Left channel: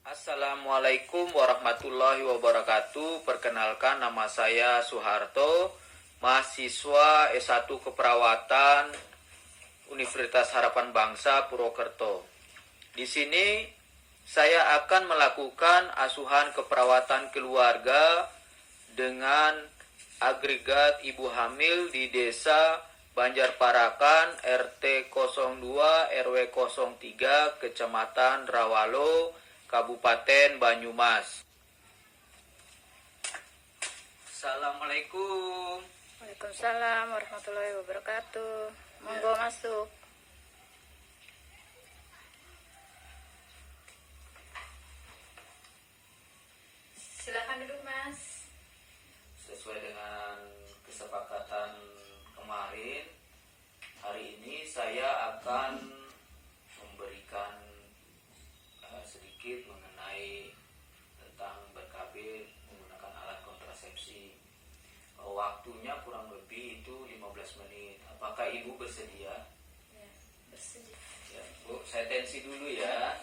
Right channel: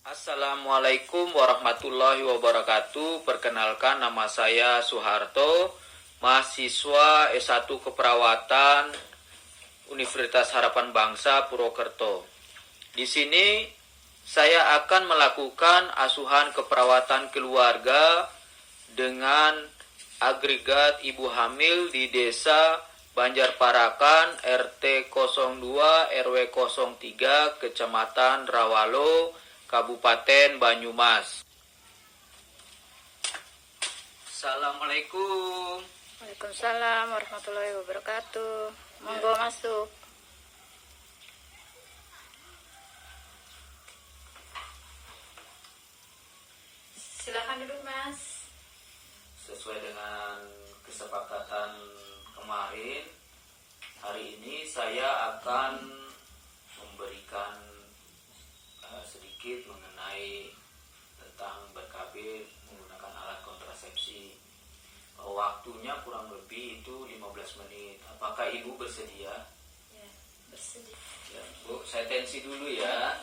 Assalamualaikum warahmatullahi wabarakatuh. Perkenalkan, nama saya Soeharto, mahasiswa S1 Keperawatan Universitas Harapan Bangsa Purwokerto. Di sini saya akan melakukan asuhan keperawatan keluarga dengan agregat ibu hamil di Desa Banjarparakan RT 02 RW 03 Kecamatan Rawalo, Kabupaten Banyumas. Assalamualaikum. Waalaikumsalam warahmatullahi wabarakatuh. Monggo masuk. Silakan duduk, Mas. Sesuai dengan kesepakatan kemarin, hari ini saya akan memberikan sedikit mengenai tentang BKB menggunakan alat kontrasepsi. Waktunya kurang lebih itu 15 menit. Apakah Ibu bersedia? Ya, bersedia. Ya, Bu, saya tensi dulu ya.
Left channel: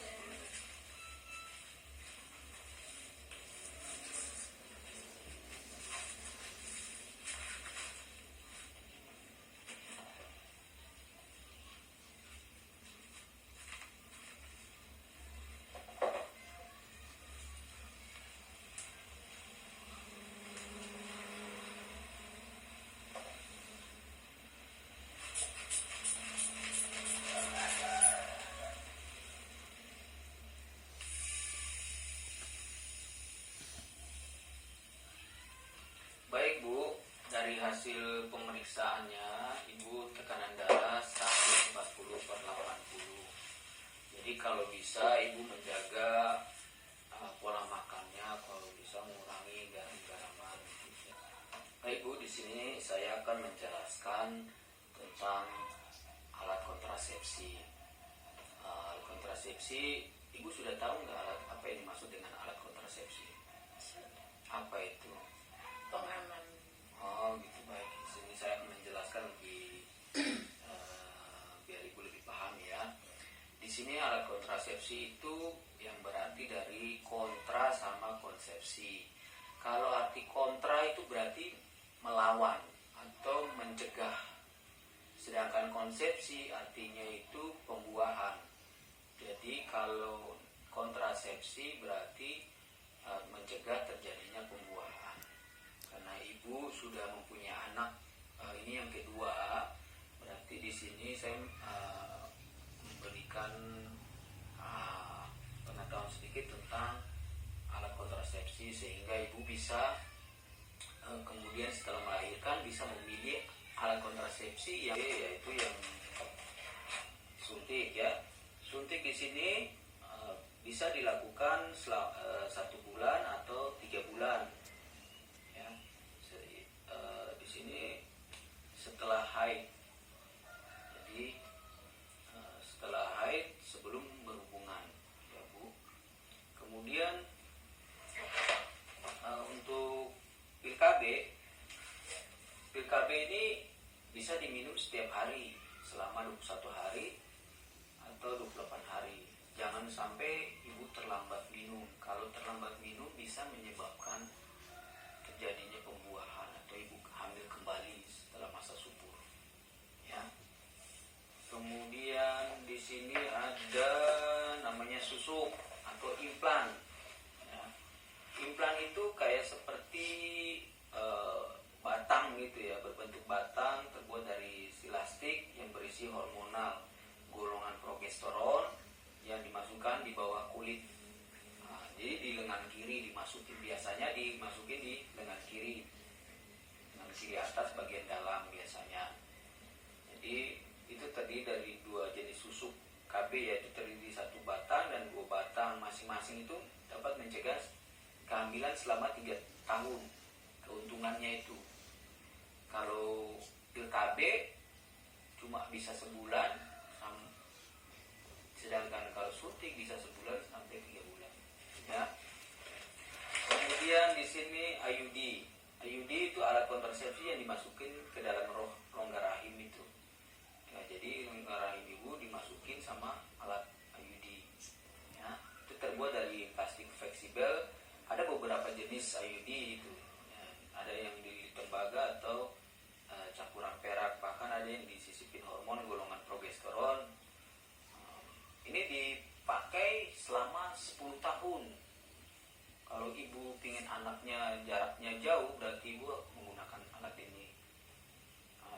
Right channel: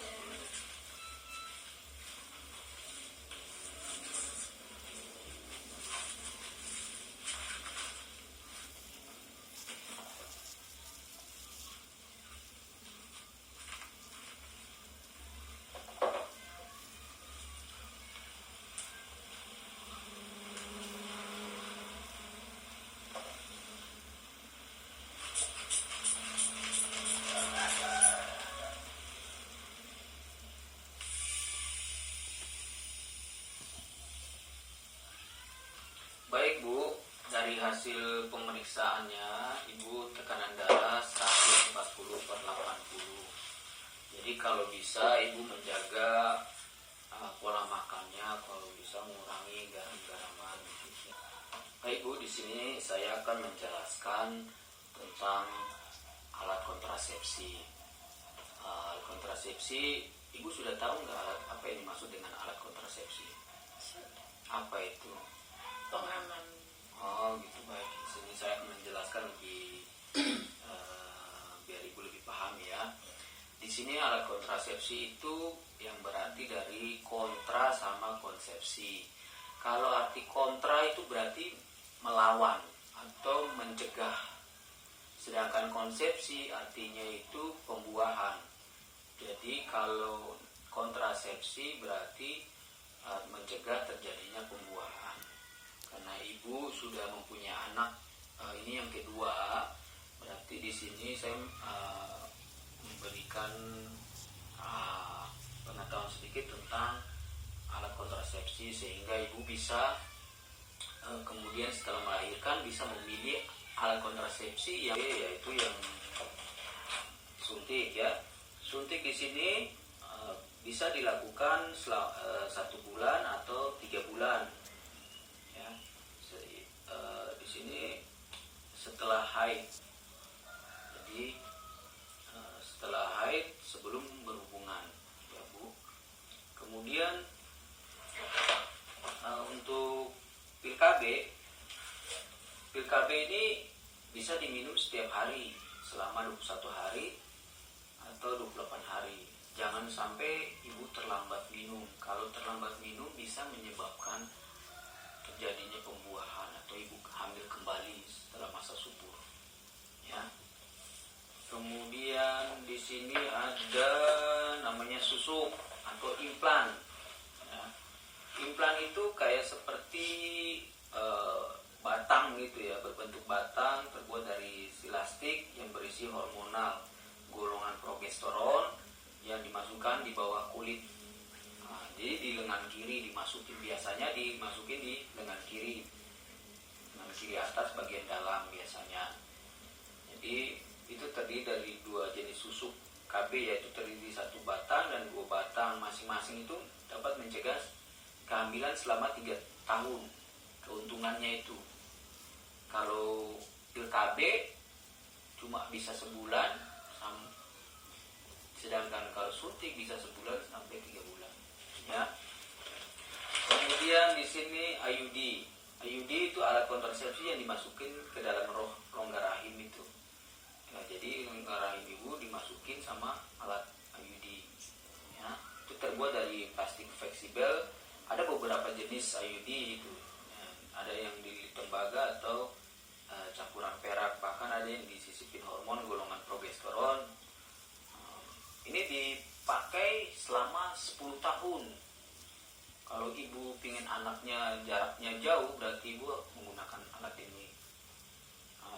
Baik Bu, dari hasil pemeriksaannya Ibu tekanan darah 140/80. Jadi kalau bisa Ibu menjaga pola makannya, kalau bisa mengurangi garam-garaman. Baik Bu, di sini saya akan menjelaskan tentang alat kontrasepsi. Alat kontrasepsi, Ibu sudah tahu nggak apa yang dimaksud dengan alat kontrasepsi? Apa itu? Pengaman. Oh gitu, baik. Di sini saya menjelaskan lebih biar Ibu lebih paham ya. Di sini alat kontrasepsi itu yang berarti dari kontra sama konsepsi. Kalau arti kontra itu berarti melawan atau mencegah. Sedangkan konsepsi artinya itu pembuahan. Jadi kalau kontrasepsi berarti mencegah terjadinya pembuahan. Karena Ibu sudah mempunyai anak, ini yang kedua, berarti di sini saya memberikan pengetahuan sedikit tentang alat kontrasepsi sehingga Ibu bisa kemudian setelah melahirkan bisa memilih alat kontrasepsi yaitu yang suntik ya. Suntik di sini bisa dilakukan 1 bulan atau 3 bulan. Di sini setelah haid, jadi setelah haid sebelum berhubungan, ya Bu. Kemudian untuk pil KB ini bisa diminum setiap hari selama 21 hari atau 28 hari. Jangan sampai Ibu terlambat minum. Kalau terlambat minum bisa menyebabkan terjadinya pembuahan atau Ibu hamil kembali setelah masa subur. Ya. Kemudian di sini ada namanya susuk atau implan. Ya. Implan itu kayak seperti batang gitu ya, berbentuk batang terbuat dari silastik yang berisi hormonal golongan progesteron yang dimasukkan di bawah kulit. Jadi di lengan kiri dimasukin, biasanya dimasukin di lengan kiri atas bagian dalam biasanya. Jadi itu terdiri dari 2 jenis susuk KB, yaitu terdiri 1 batang dan 2 batang. Masing-masing itu dapat mencegah kehamilan selama 3 tahun. Keuntungannya itu, kalau pil KB cuma bisa sebulan, sedangkan kalau suntik bisa sebulan sampai 3 bulan. Ya. Kemudian di sini IUD. IUD itu alat kontrasepsi yang dimasukin ke dalam rongga rahim itu. Nah, jadi rongga rahim Ibu dimasukin sama alat IUD. Ya, itu terbuat dari plastik jenis IUD itu. Ada yang di tembaga atau campuran perak, bahkan ada yang disisipin hormon golongan progesteron. Ini dipakai selama 10 tahun. Kalau ibu ingin anaknya jaraknya jauh, berarti ibu menggunakan alat ini.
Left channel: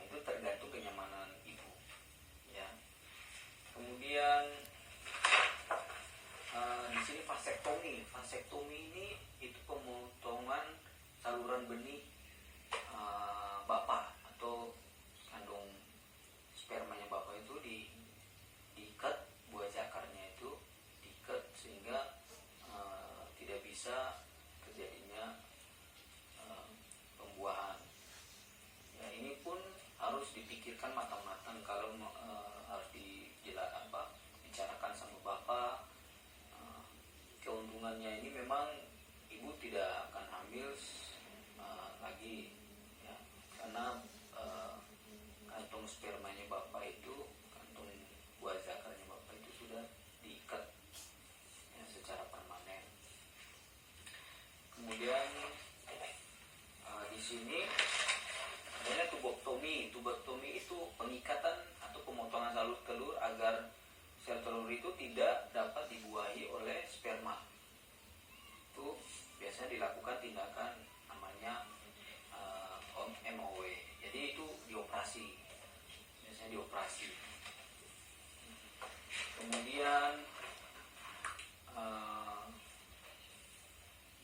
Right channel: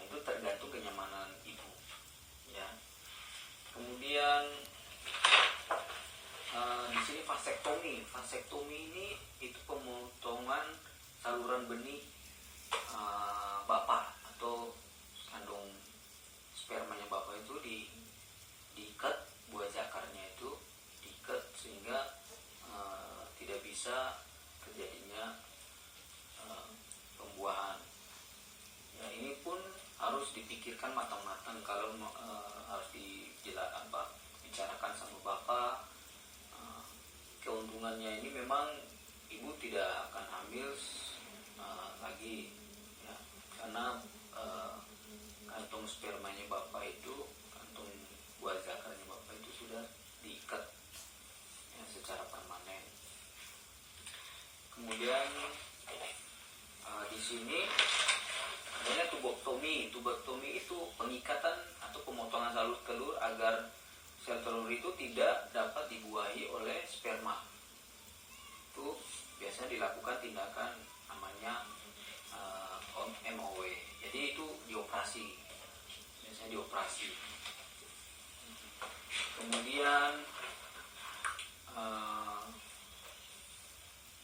Itu tergantung kenyamanan ibu. Ya. Kemudian di sini vasektomi. Vasektomi ini itu pemotongan saluran benih bapak atau kandung spermanya bapak itu diikat, buah zakarnya itu diikat sehingga tidak bisa terjadinya pembuahan. Ya, ini pun harus dipikirkan matang-matang kalau harus dibicarakan sama bapak. Keuntungannya ini memang ibu tidak akan hamil lagi, ya, karena kantong spermanya bapak itu, kantong buah zakarnya bapak itu sudah diikat ya, secara permanen. Kemudian di sini adanya tubektomi. Tubektomi itu pengikatan atau pemotongan telur agar sel telur itu tidak dapat dibuahi oleh sperma. Itu biasanya dilakukan tindakan namanya MOW. Jadi itu dioperasi, biasanya dioperasi. Kemudian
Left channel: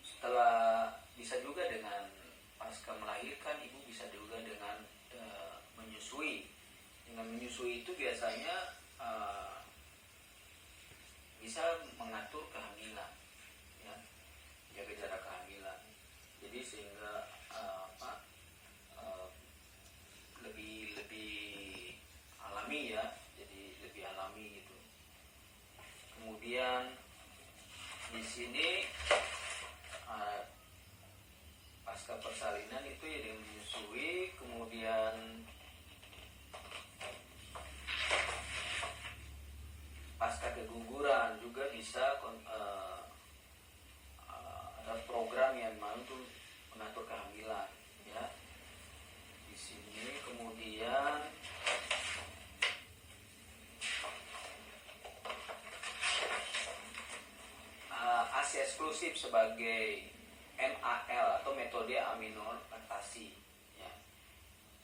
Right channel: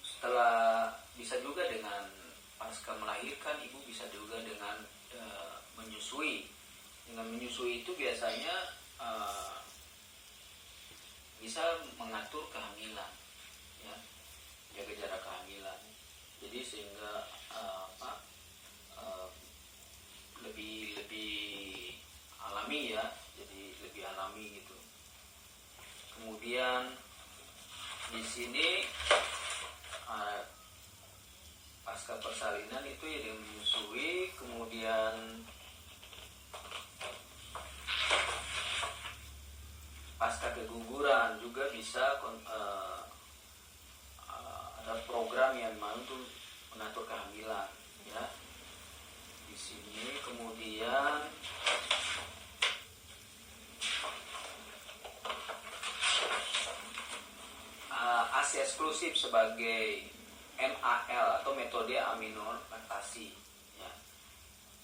setelah bisa juga dengan pasca melahirkan, ibu bisa juga dengan menyusui. Dengan menyusui itu biasanya bisa mengatur kehamilan, ya, jaga jarak kehamilan. Jadi sehingga lebih alami, ya, jadi lebih alami gitu. Kemudian di sini pasca persalinan itu ya dengan menyusui. Kemudian pasca keguguran juga bisa ada program yang mau untuk mengatur kehamilan, ya, di sini. Kemudian ASI eksklusif sebagai MAL atau metode aminolatasi, ya.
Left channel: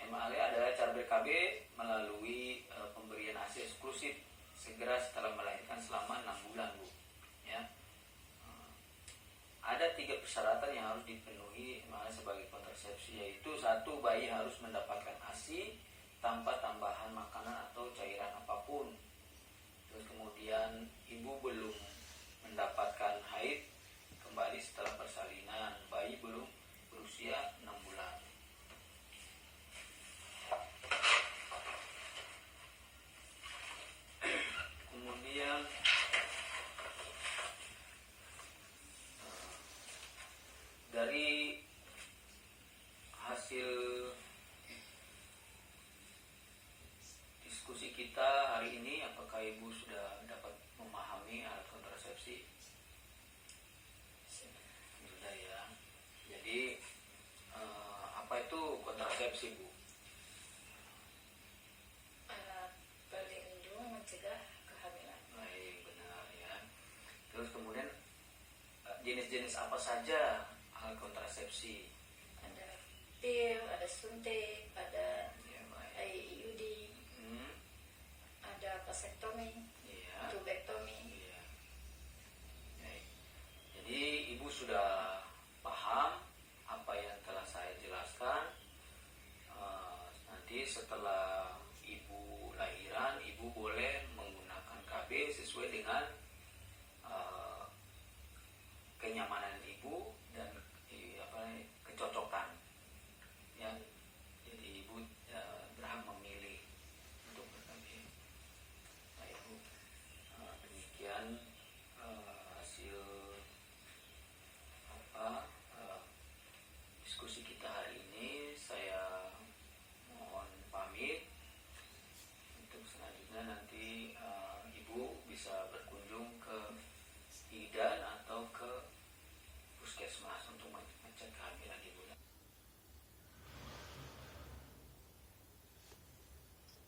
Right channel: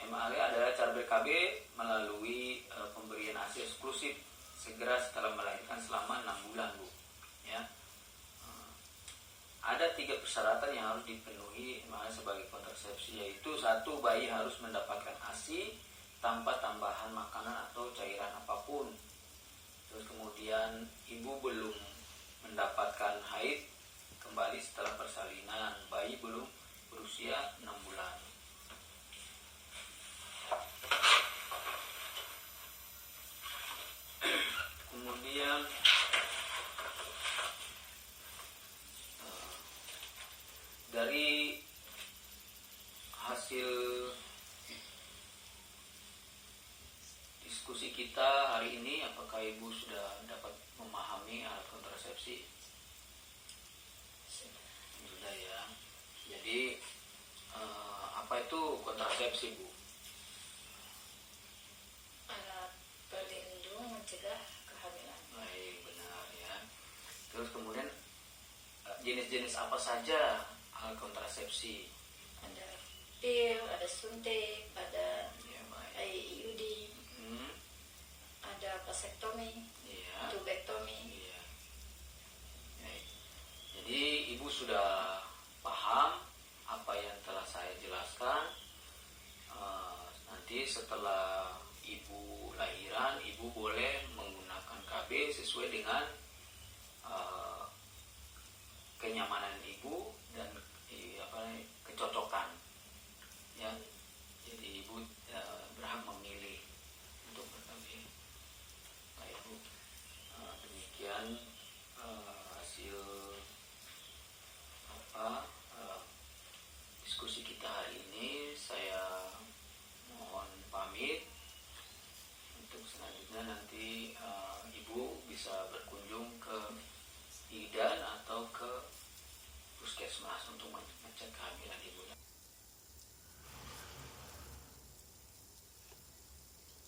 MAL adalah cara BKB melalui pemberian ASI eksklusif segera setelah melahirkan selama 6 bulan, Bu, ya. Ada 3 persyaratan yang harus dipenuhi sebagai kontrasepsi, yaitu 1, bayi harus mendapatkan ASI tanpa tambahan makanan atau cairan apapun. Terus kemudian ibu belum mendapatkan haid kembali setelah persalinan, bayi belum berusia 6 bulan. Kemudian dari hasil diskusi kita hari ini, apakah ibu sudah dapat memahami alat kontrasepsi? Sudah, ya. Jadi apa itu kontrasepsi, Bu? Alat pelindung mencegah kehamilan. Baik, benar, ya. Terus kemudian jenis-jenis apa saja alat kontrasepsi? Ada pil, ada suntik, ada Ya, baik. IUD, ada vasektomi, Iya. tubektomi. Iya. Baik. Jadi ibu sudah paham apa yang telah saya jelaskan. Nanti setelah ibu lahiran, ibu boleh menggunakan KB sesuai dengan